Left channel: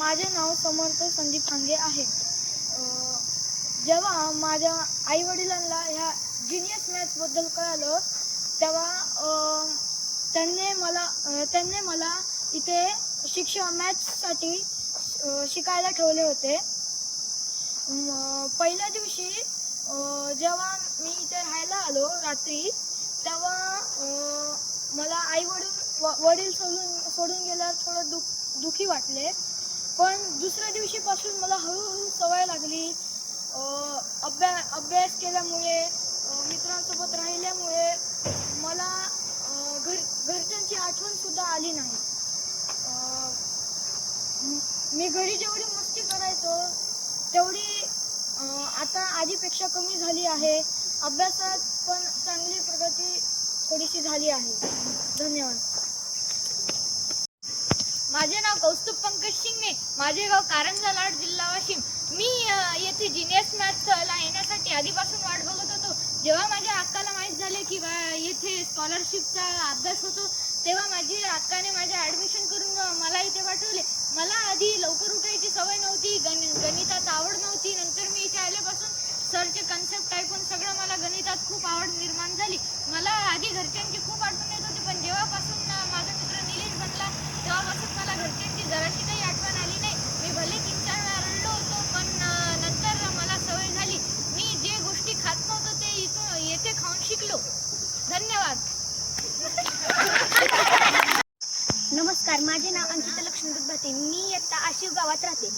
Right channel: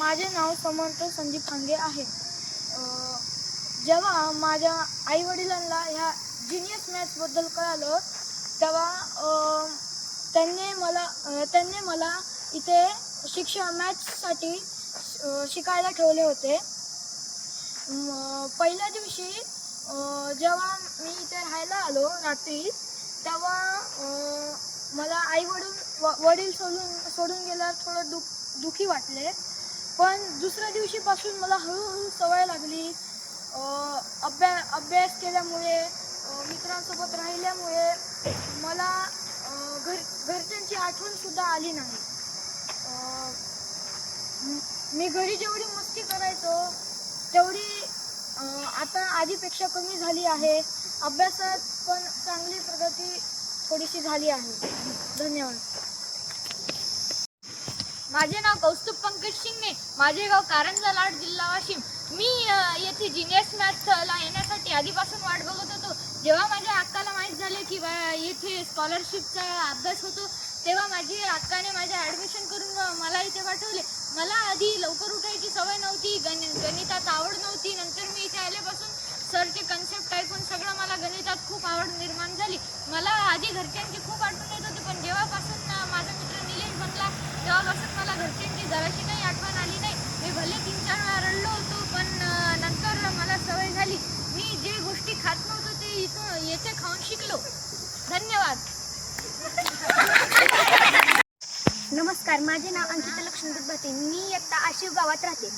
माझे नाव समर्थ संदीप खांगे आहे. जेव्हा माझ्या आईवडिलांना ह्या जिनियस मॅथ्सबद्दल कळालं तेव्हा त्यांनी मला इथे मॅथ्ससाठी शिकायला ठेवले होते. पहिल्या दिवशी जेव्हा मी इथे राहायला आलो रात्री तेव्हा मला वडील सोडून गेल्यावर थोडं दुःखी वाटले. पण दुसऱ्या दिवशीपासून मला हळूहळू सवय लागली. अभ्यास केल्यामुळे मित्रांसोबत राहिल्यामुळे मला घरच्यांची आठवणसुद्धा आली नाही. मी घरी जेवढी मस्ती करायचो तेवढी आता आधीपेक्षा कमी झाली आहे. अभ्यासात पण चांगली प्रगती थोडीशी झाली आहे. धन्यवाद. माझे नाव कौस्तुभ पंकज शिंगणे. माझे गाव कारंजा लाड, जिल्हा वाशिम. मी येथे जिनियस मॅथ्सला येण्यासाठी आधीपासून वाट बघत होतो. जेव्हा माझ्या अक्काला माहीत झाले की येथे स्कॉलरशिपचा अभ्यास होतो तेव्हा माझी अक्काने माझे ॲडमिशन करून मला इथे पाठवले. मला आधी लवकर उठायची सवय नव्हती, गणितात आवड नव्हती. नंतर मी इथे आल्यापासून सरचे कन्सेप्ट ऐकून सगळं मला गणितात खूप आवड निर्माण झाली. मला आधी घरच्यांची खूप आठवण येत होती, पण जेव्हापासून माझा मित्र निलेश बनला तेव्हापासून मला घरच्यांची जराशी काही आठवण आली नाही. मी भले 3-4 वेळा रडलो होतो, पण नंतर मला सवय झाली. मी जे गोष्टी खात नव्हतो ते येथे खाऊन शिकलो. धन्यवाद. नमस्कार, माझे नाव अंकिता लक्ष्मण भाते. मी इयत्ता आशिव गावात राहते.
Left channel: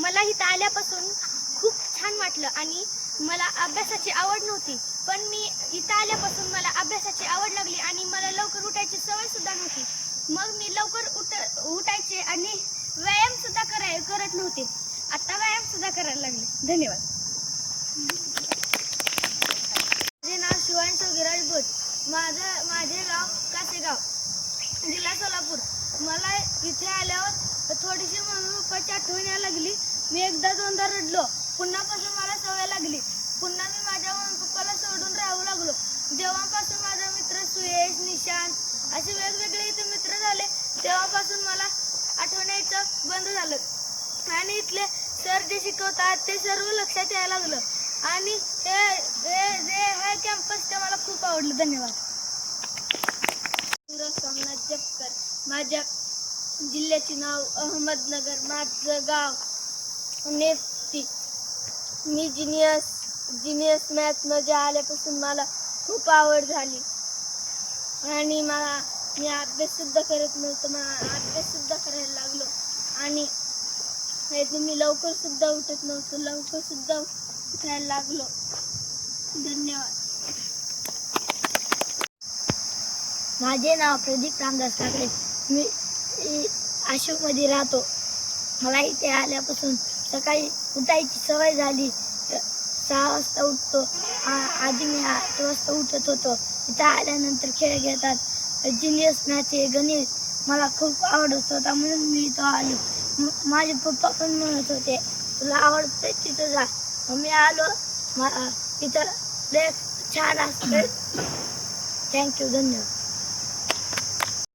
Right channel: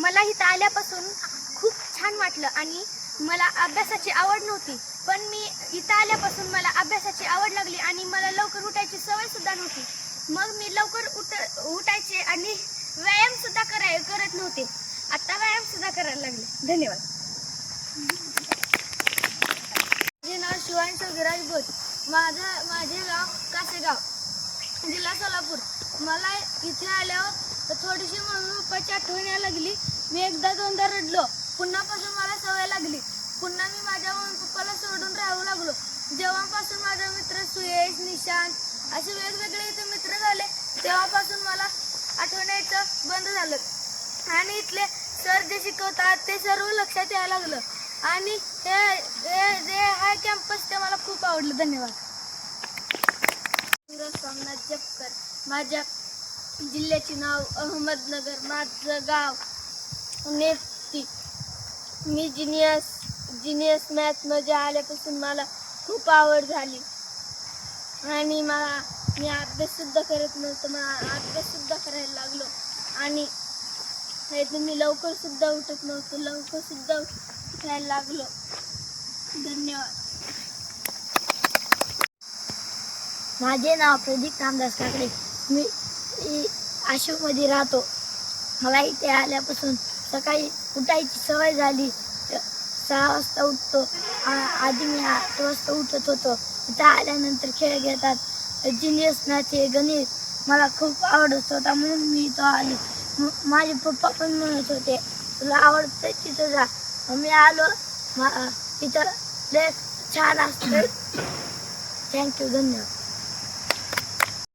मला इथं आल्यापासून खूप छान वाटलं आणि मला अभ्यासाची आवड नव्हती, पण मी इथं आल्यापासून मला अभ्यासाची आवड लागली आणि मला लवकर उठायची सवयसुद्धा नव्हती. मग मी लवकर उठायचे आणि व्यायामसुद्धा करत नव्हते. आता व्यायामसुद्धा करायला लागले. धन्यवाद. माझे नाव शिवांश विराज बोध. माझे गाव कासेगाव, जिल्हा सोलापूर. मला इथे आल्यावर थोडीशी मम्मी पप्पाची आठवण यायला लागली. मी एकदा दोनदा रडलो. पुन्हापासून मला सवय लागली. पुन्हा मी माझ्या मम्मी पप्पाला सोडून राहू लागलो. जेव्हापासून माझे मित्र सुयश, निशांत असे वेगवेगळे इथे मित्र झाले तेव्हापासून मला आठवण यायचं बंद झालं आणि इथले सर जे शिकवतात ते सर्व लक्षात यायला लागलं आणि हा कॅम्पस ते मला खूप आवडलं. धन्यवाद. सोमनाथ जपकर. माझ्या जिल्ह्याचे नाव अहमदनगर. माझं गाव नेप्ती. मी जिनियस मॅथ्समध्ये आल्यापासून मला खूप आवड झाली आणि मी अभ्याससुद्धा करत नव्हतो. मला अभ्याससुद्धा करायला लागलो आणि मी लवकरसुद्धा उठत नव्हतो. लवकरसुद्धा उठायला लागलो. धन्यवाद. माझे नाव प्रदीप रामदास काकडे. मी आशिवमध्ये राहतो. मला इथे आल्यापासून सकाळी उठायची सवय झाली. 6 वाजता उठतो. आधी मी 8 वाजता उठत होतो. इथं आल्यानंतर खेळ घेतात. जिनियस मॅथ हे गणित मला खूप आवडत होता म्हणून मी इथं आले. माझे पप्पा पण म्हणत होते तुला आवडतं तिथं जा. मी आलो. इथं छान असतं. थँक्यू. धन्यवाद.